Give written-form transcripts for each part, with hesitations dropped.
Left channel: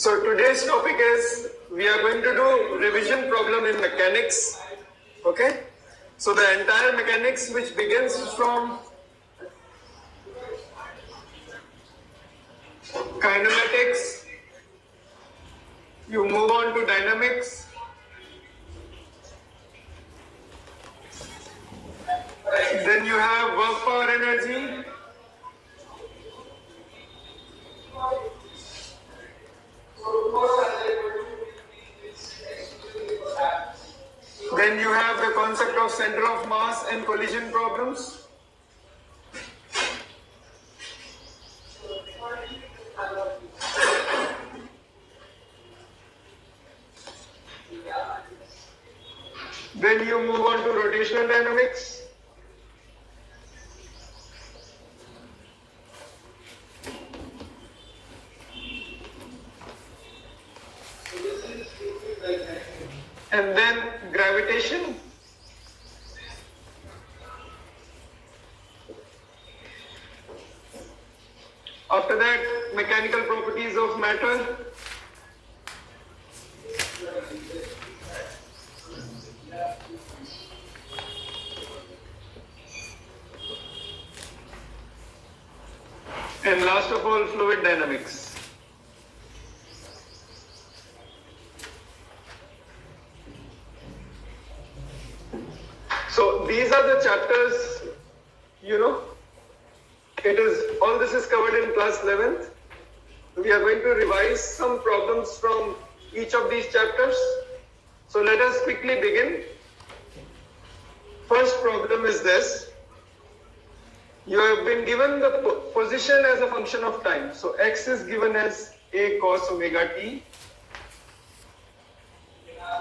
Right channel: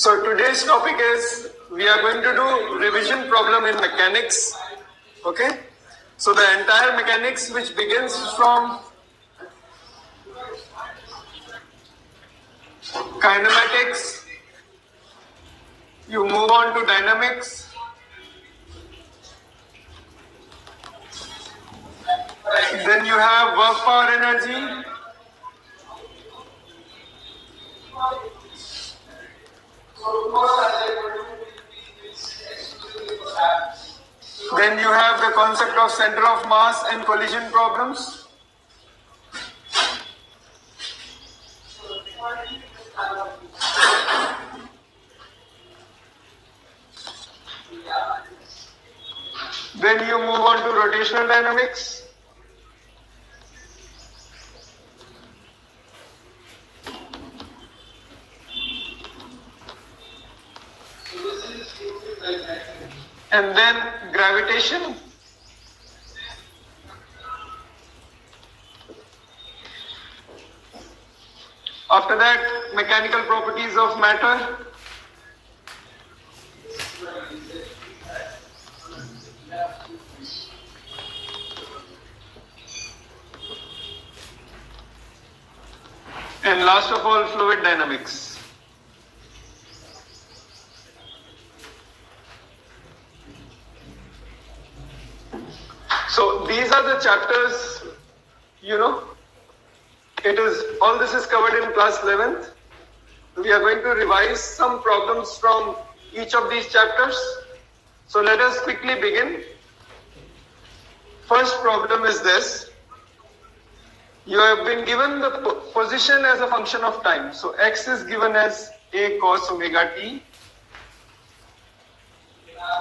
So today's topic is we are going to do revision problem in mechanics. Okay. So the entire mechanics which begins from kinematics, you move on to dynamics, then you have work power energy, then you have the concept of center of mass and collision problems. Then you move on to rotational dynamics. And then gravitation. After that, mechanical properties of matter. And last of all, fluid dynamics. So these are the chapters, all this is covered in class 11th. We are going to revise some problems from each of these chapters. So let us quickly begin. First problem is this. You have been given the position as a function of time. So x is given as a cos omega t.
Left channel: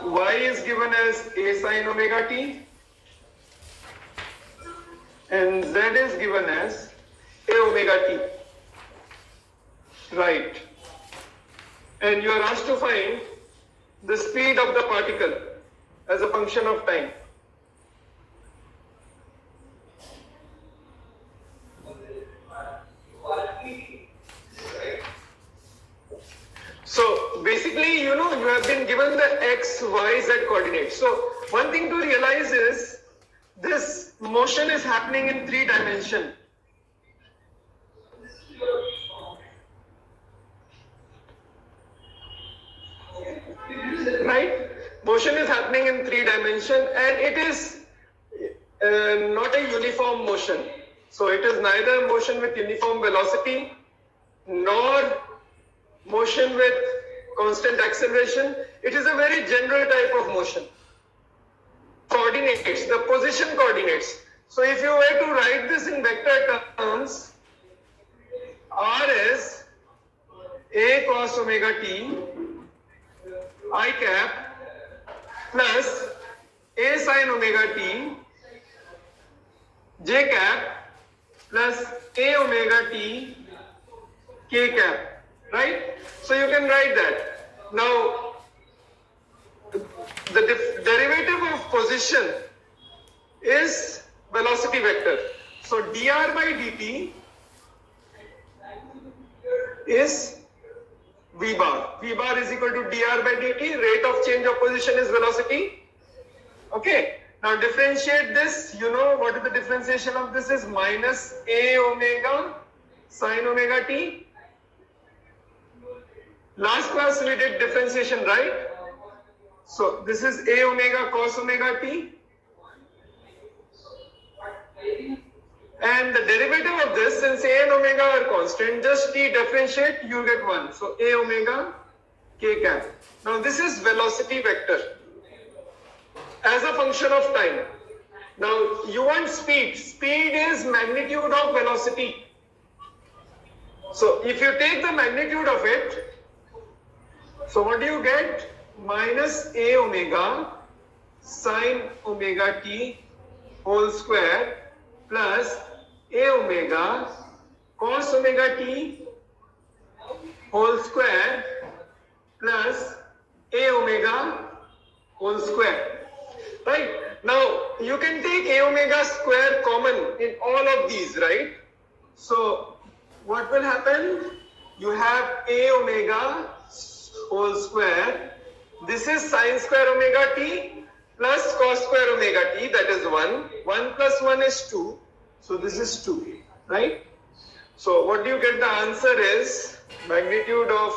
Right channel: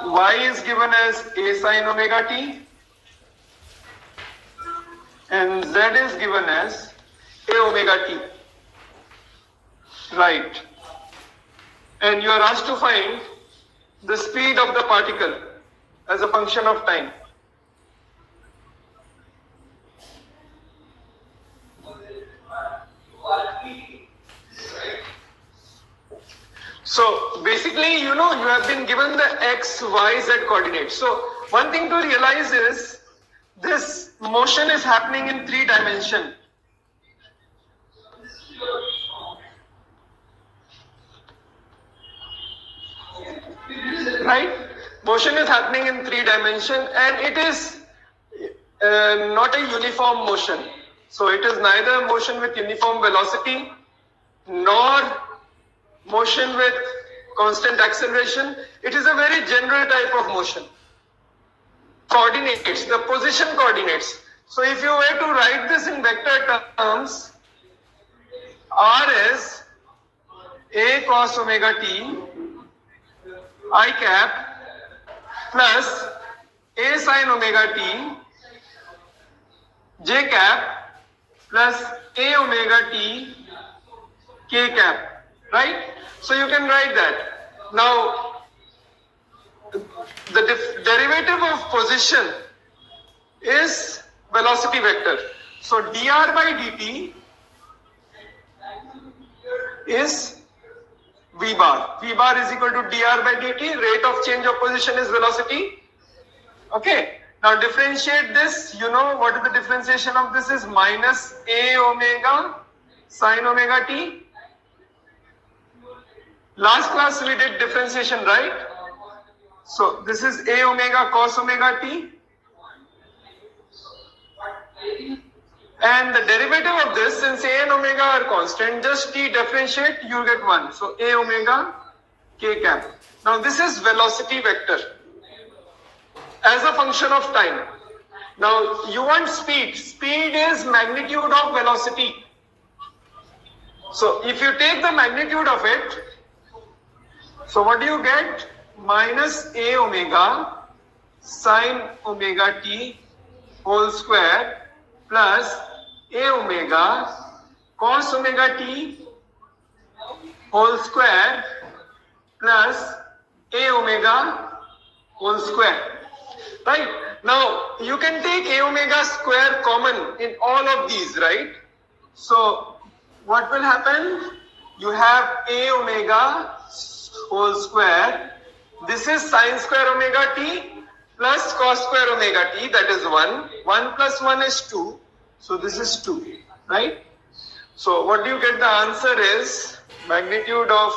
Y is given as a sin omega t. And z is given as a omega t. Right. And you are asked to find the speed of the particle as a function of time. So basically, you have been given the x, y, z coordinates. So one thing to realize is this motion is happening in 3 dimensions. Right? Motion is happening in 3 dimensions and it is not a uniform motion. So it is neither motion with uniform velocity nor motion with constant acceleration. It is a very general type of motion. Coordinates, the position coordinates. So if you were to write this in vector terms, r is a cos omega t I cap plus a sin omega t j cap plus a omega t k cap, right? So you can write that. Now, the derivative of position is velocity vector. So dr by dt is v bar. V bar is equal to dr by dt. Rate of change of position is velocity. Okay. Now differentiate this. You know what is the differentiation of this is minus a omega sin omega t. Last class we did differentiation, right? So this is a omega cos omega t. And the derivative of this, since a and omega are constant, just t differentiate, you get 1. So a omega k cap. Now this is velocity vector as a function of time. Now you want speed. Speed is magnitude of velocity. So if you take the magnitude of it, so what do you get? Minus a omega sin omega t whole square plus a omega cos omega t whole square plus a omega whole square. Right? Now you can take a omega square common in all of these, right? So what will happen? You have a omega whole square. This is sine square omega t plus cos square omega t, that is 1. 1 plus 1 is 2. So this is 2, right? So what do you get? The answer is magnitude of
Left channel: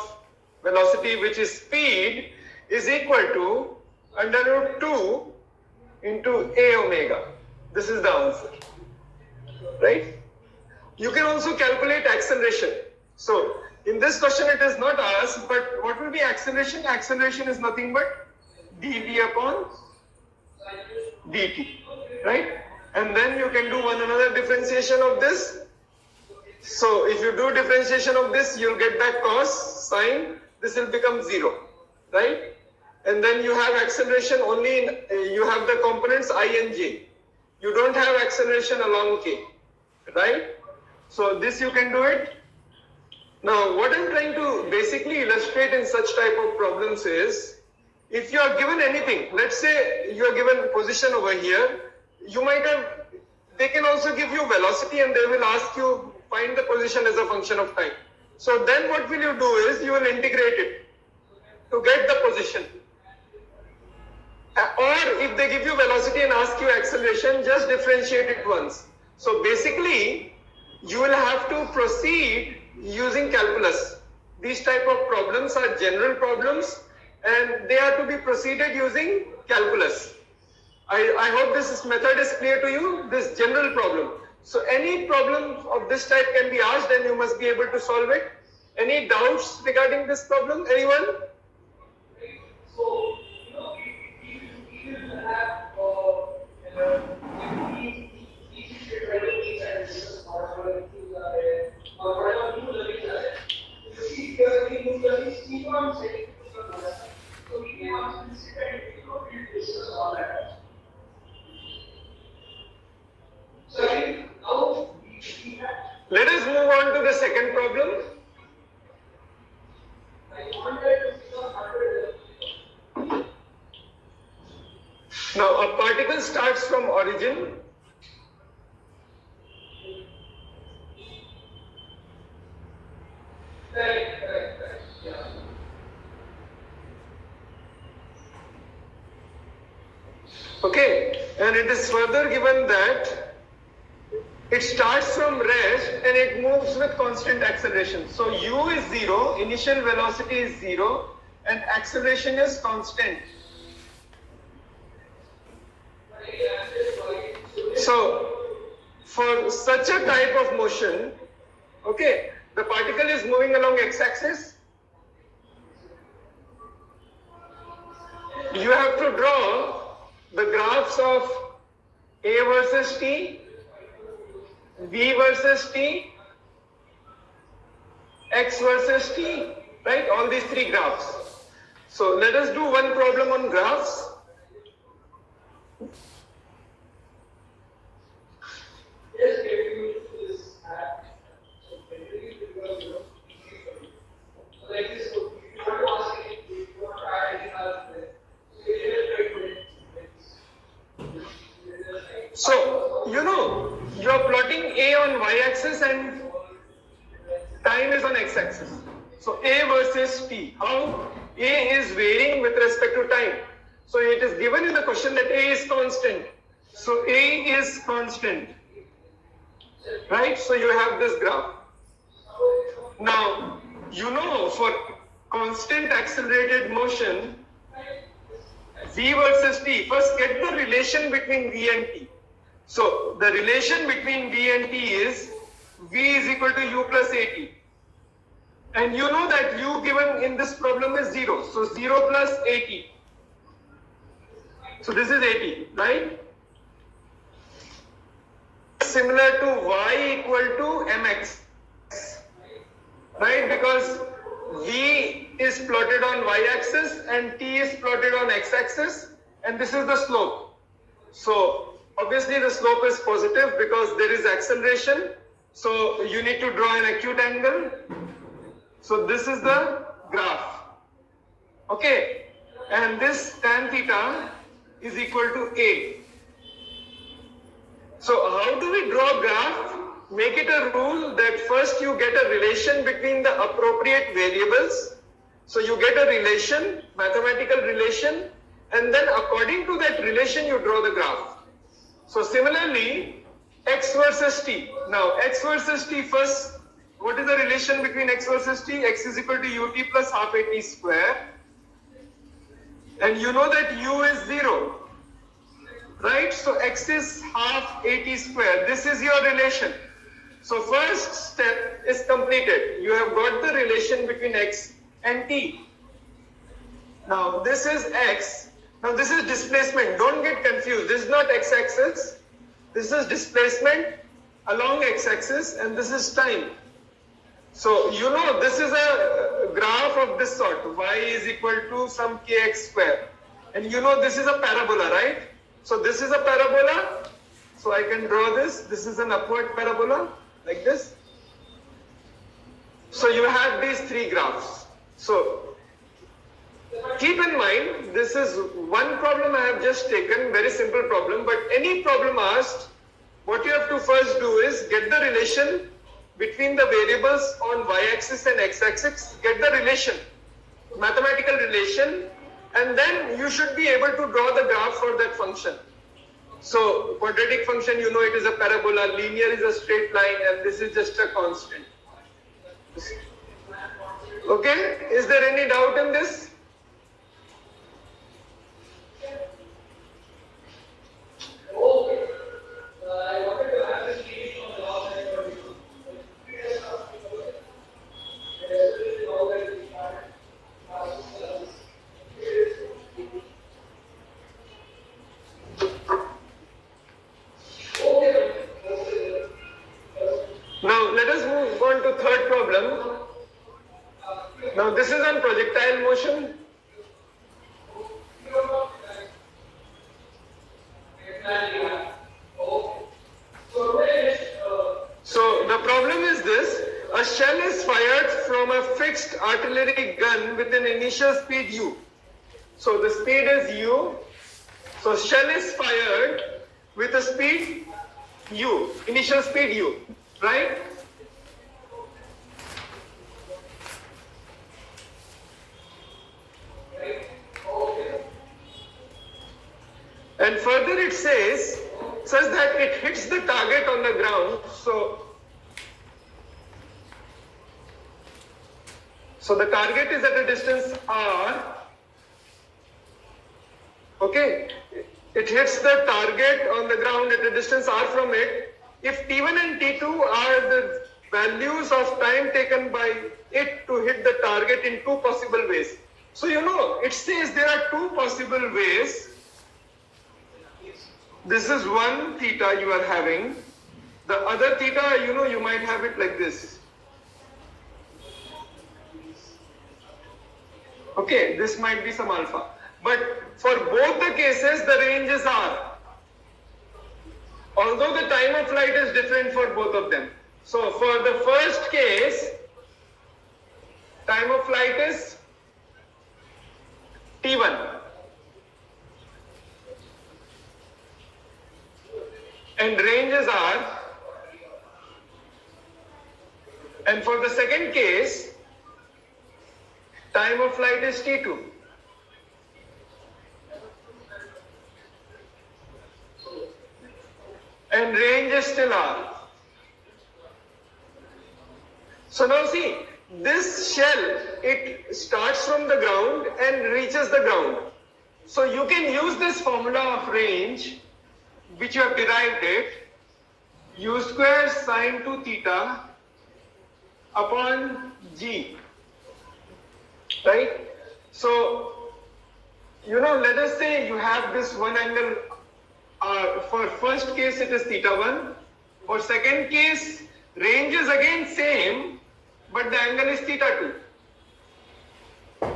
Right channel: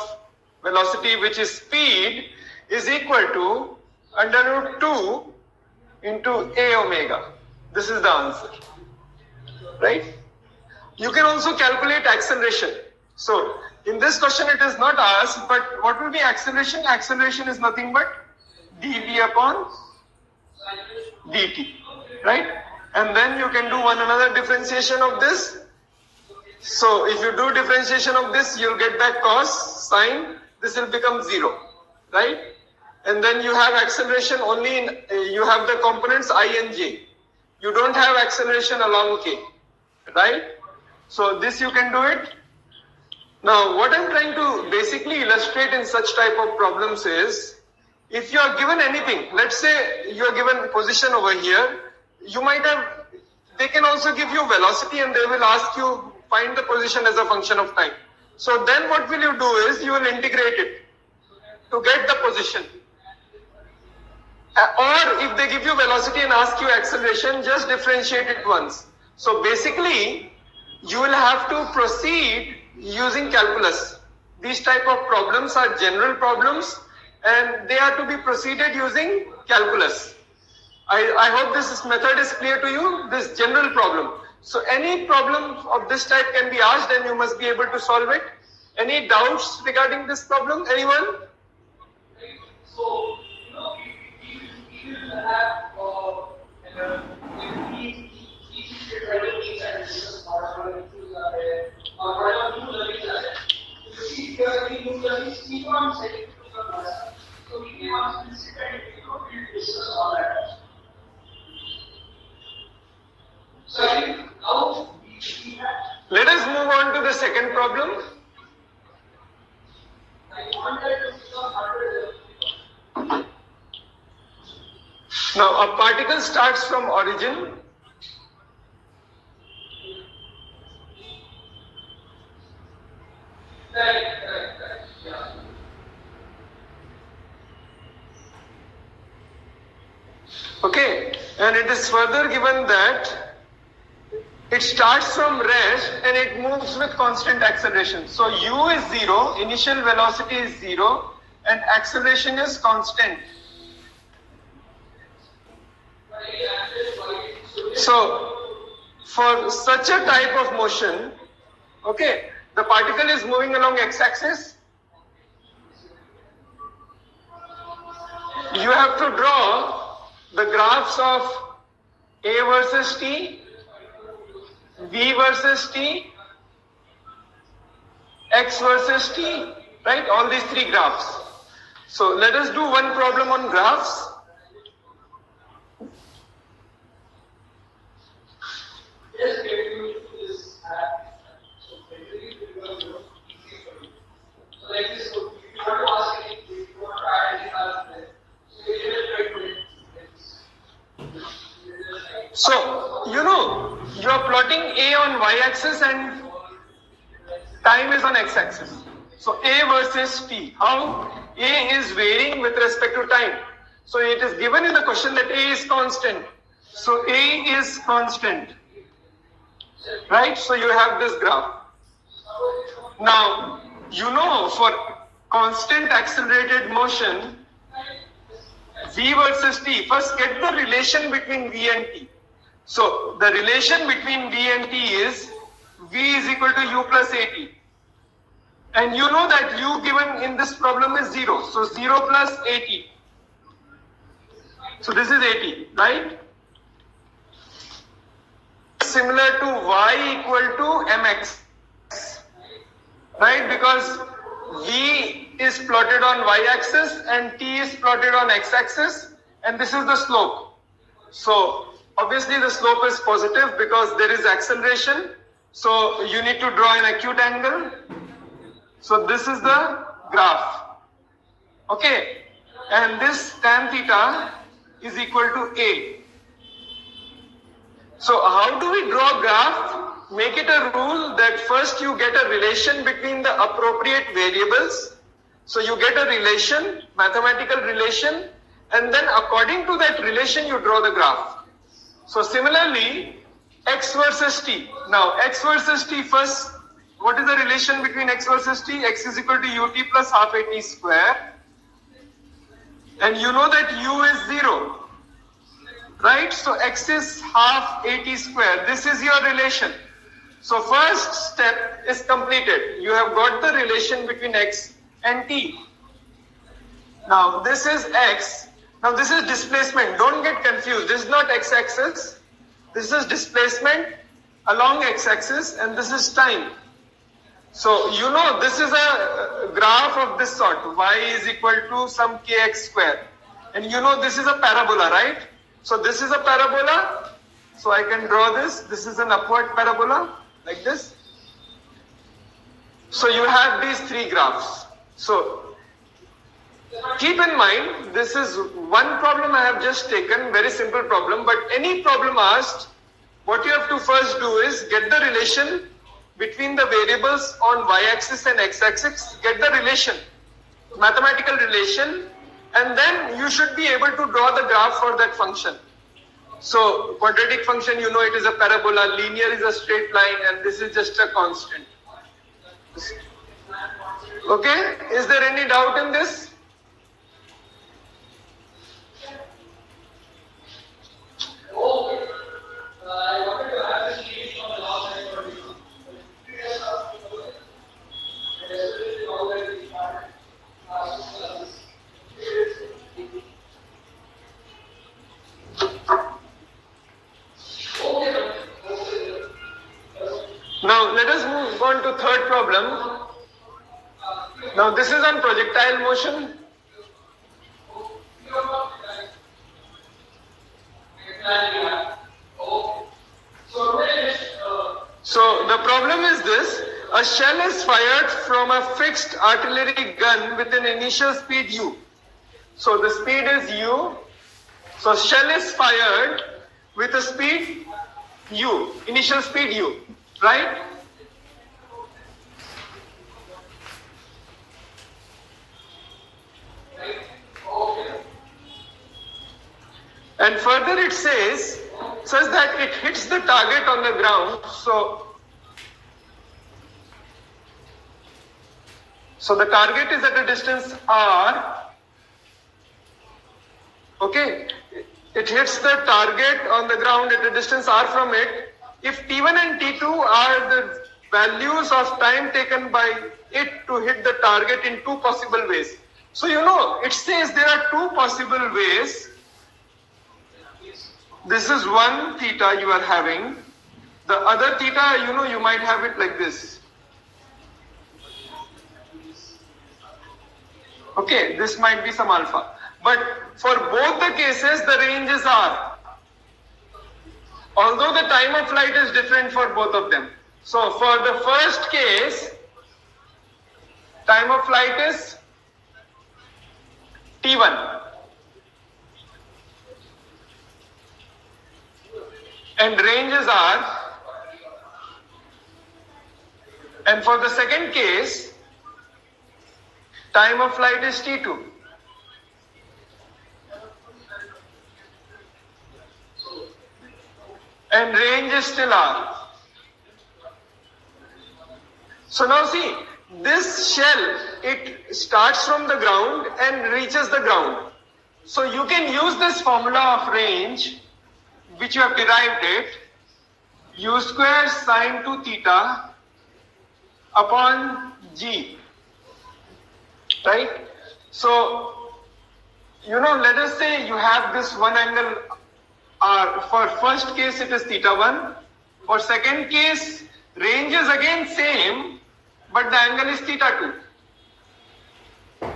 velocity, which is speed, is equal to under root 2 into a omega. This is the answer, right? You can also calculate acceleration. So in this question it is not asked, but what will be acceleration? Acceleration is nothing but dv upon dt, right? And then you can do one another differentiation of this. So if you do differentiation of this, you'll get back cos, sine, this will become 0, right? And then you have acceleration only in, you have the components I and j. You don't have acceleration along k, right? So this you can do it. Now what I'm trying to basically illustrate in such type of problems is, if you are given anything, let's say you are given position over here, you might have, they can also give you velocity and they will ask you find the position as a function of time. So then what will you do is you will integrate it to get the position. Or if they give you velocity and ask you acceleration, just differentiate it once. So basically you will have to proceed using calculus. These type of problems are general problems and they are to be proceeded using calculus. I hope this method is clear to you, this general problem. So any problem of this type can be asked and you must be able to solve it. Any doubts regarding this problem? Anyone? So, if you have let us move on to the second problem. Now a particle starts from origin. Okay, and it is further given that it starts from rest and it moves with constant acceleration. So u is 0, initial velocity is 0 and acceleration is constant. So for such a type of motion, okay, the particle is moving along x-axis. You have to draw the graphs of A versus t, V versus t, x versus t, right? All these three graphs. So let us do one problem on graphs. So, you know, you are plotting A on y-axis and time is on x-axis. So A versus t. How? A is varying with respect to time. So it is given in the question that A is constant. So A is constant. Right? So you have this graph. Now, you know, for constant accelerated motion, V versus t, first get the relation between V and t. So the relation between V and t is V is equal to u plus at. And you know that u given in this problem is 0. So 0 plus at. So this is at, right? Similar to y equal to mx, right? Because v is plotted on y-axis and t is plotted on x-axis, and this is the slope. So obviously the slope is positive because there is acceleration. So you need to draw an acute angle. So this is the graph. Okay, and this tan theta is equal to a. So how do we draw graph? Make it a rule that first you get a relation between the appropriate variables. So you get a relation, mathematical relation, and then according to that relation you draw the graph. So similarly, x versus t. Now x versus t first, what is the relation between x versus t? X is equal to ut plus half a t square. And you know that u is 0. Right? So x is half a t square. This is your relation. So first step is completed. You have got the relation between x and t. Now this is x. Now this is displacement. Don't get confused. This is not x-axis. This is displacement along x-axis and this is time. So you know this is a graph of this sort. Y is equal to some kx square. And you know this is a parabola, right? So this is a parabola. So I can draw this. This is an upward parabola like this. So you have these three graphs. So keep in mind, this is one problem I have just taken, very simple problem, but any problem asked, what you have to first do is get the relation between the variables on y-axis and x-axis, get the relation, mathematical relation, and then you should be able to draw the graph for that function. So quadratic function, you know it is a parabola, linear is a straight line, and this is just a constant. Okay, is there any doubt in this? I wanted to add this series on the last slide for you. Now let us move on to third problem. Now this is on projectile motion. So the problem is this: a shell is fired from a fixed artillery gun with an initial speed u. So the speed is u. So shell is fired with a speed u, initial speed u, right? And further it says that it hits the target on the ground. So the target is at a distance r. Okay, it hits the target on the ground at a distance r from it. If T1 and T2 are the values of time taken by it to hit the target in two possible ways. So you know, it says there are two possible ways. This is one theta you are having. The other theta, you know, you might have it like this. Okay, this might be some alpha. But for both the cases, the ranges are. Although the time of flight is different for both of them. So for the first case, time of flight is T1. And ranges are. And for the second case, time of flight is T2. And range is still R. So now see, this shell, it starts from the ground and reaches the ground. So you can use this formula of range, which you have derived it, u square sine 2 theta upon g. Right? So, you know, let us say you have this one angle r. For first case it is theta 1. For second case, range is again same, but the angle is theta 2.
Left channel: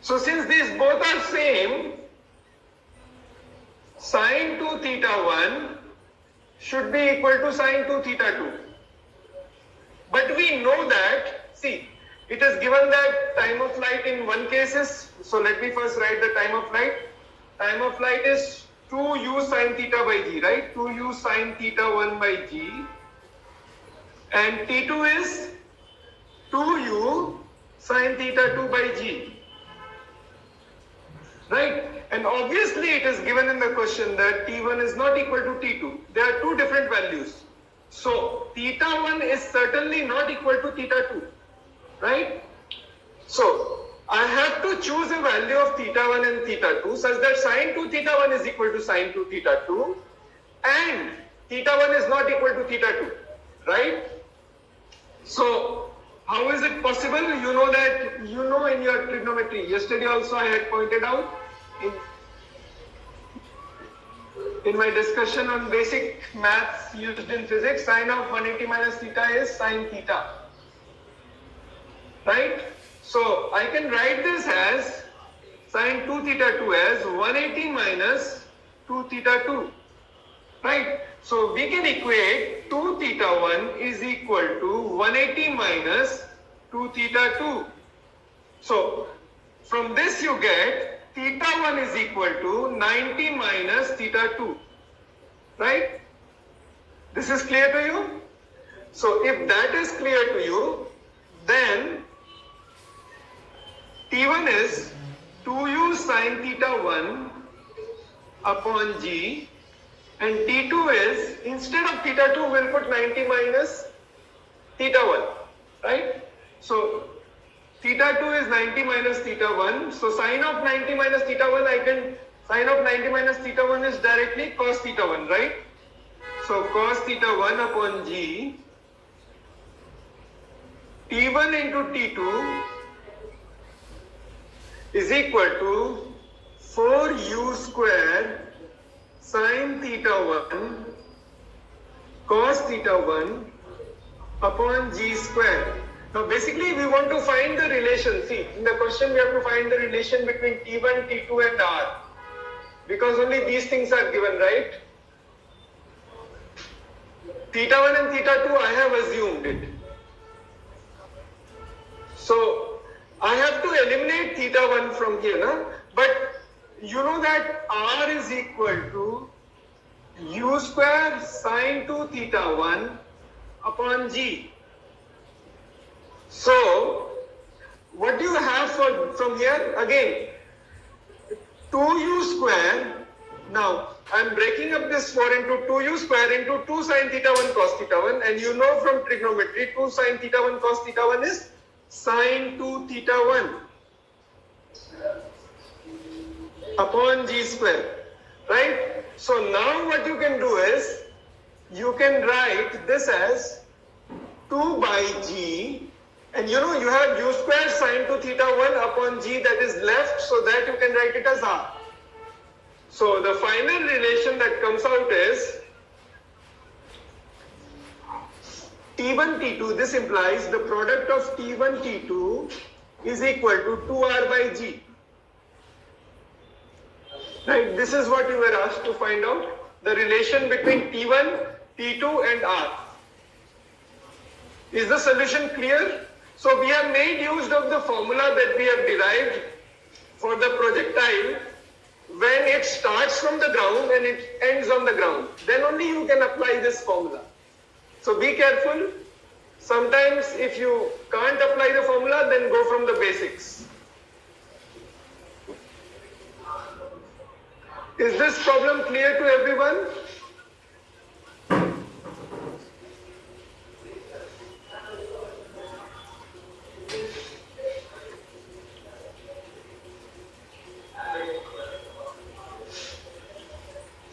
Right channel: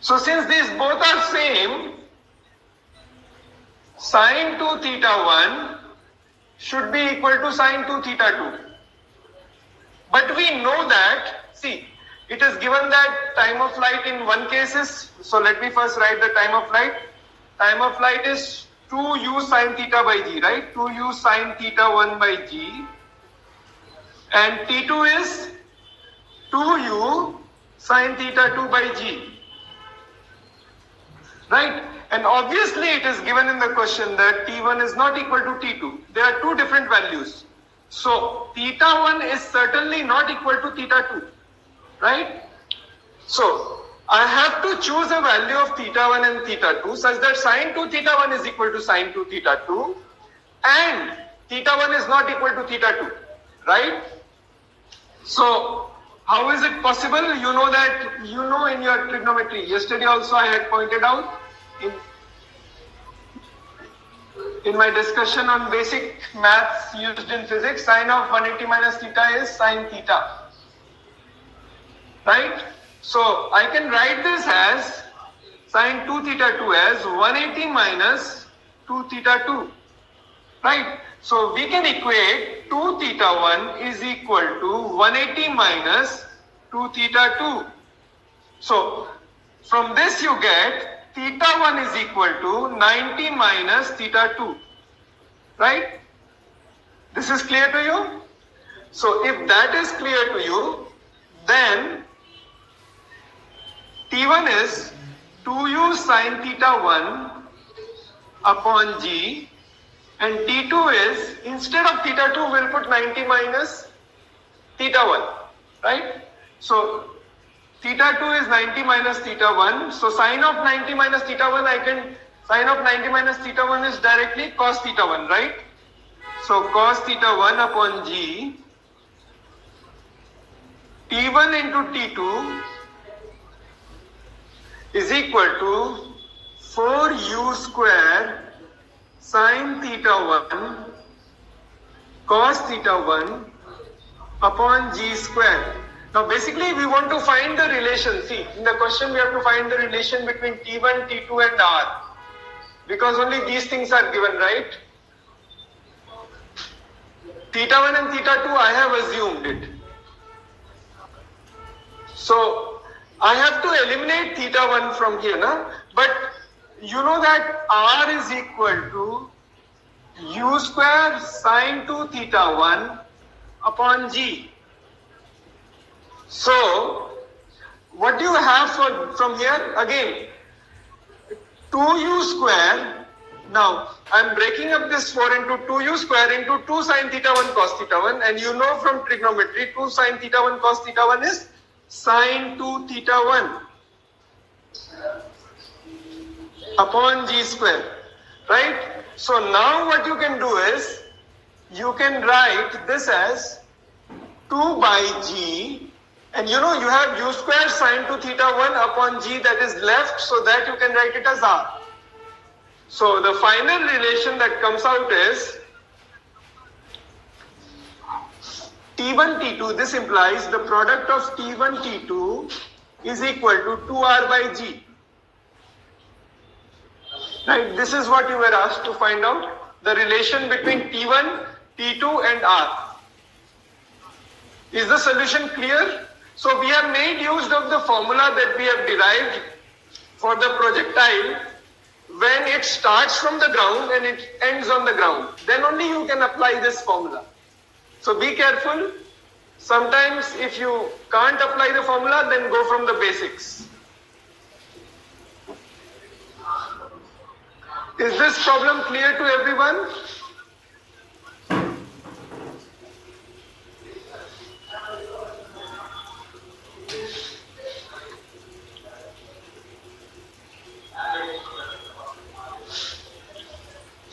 So since these both are same, sine 2 theta 1 should be equal to sine 2 theta 2. But we know that, see, it is given that time of flight in one case is, so let me first write the time of flight. Time of flight is 2u sine theta by g, right? 2u sine theta 1 by g. And T2 is 2u sine theta 2 by g. Right? And obviously it is given in the question that T1 is not equal to T2. There are two different values. So theta 1 is certainly not equal to theta 2. Right? So I have to choose a value of theta 1 and theta 2 such that sine 2 theta 1 is equal to sine 2 theta 2 and theta 1 is not equal to theta 2. Right? So how is it possible? You know that, in your trigonometry. Yesterday also I had pointed out in my discussion on basic maths used in physics, sine of 180 minus theta is sine theta. Right? So I can write this as sine 2 theta 2 as 180 minus 2 theta 2. Right? So we can equate 2 theta 1 is equal to 180 minus 2 theta 2. So from this you get theta 1 is equal to 90 minus theta 2. Right? This is clear to you? So if that is clear to you, then T1 is 2u sine theta 1 upon g, and T2 is, instead of theta 2, we'll put 90 minus theta 1. Right? So theta 2 is 90 minus theta 1. So sine of 90 minus theta 1, sine of 90 minus theta 1 is directly cos theta 1, right? So cos theta 1 upon g, T1 into T2 is equal to 4u square sine theta 1 cos theta 1 upon g square. Now basically we want to find the relation. See, in the question we have to find the relation between T1, T2 and R. Because only these things are given, right? Theta 1 and theta 2, I have assumed it. So I have to eliminate theta 1 from here, na? But you know that R is equal to u square sine 2 theta 1 upon g. So what do you have from here? Again, 2u square. Now I'm breaking up this 4 into 2u square into 2 sine theta 1 cos theta 1, and you know from trigonometry 2 sine theta 1 cos theta 1 is sine 2 theta 1 upon g square. Right? So now what you can do is you can write this as 2 by g, and you have u square sine 2 theta 1 upon g that is left, so that you can write it as r. So the final relation that comes out is T1 T2. This implies the product of T1 T2 is equal to 2r by g. Right? This is what you were asked to find out, the relation between T1, T2 and r. Is the solution clear? So we have made use of the formula that we have derived for the projectile when it starts from the ground and it ends on the ground. Then only you can apply this formula. So be careful. Sometimes if you can't apply the formula, then go from the basics. Is this problem clear to everyone?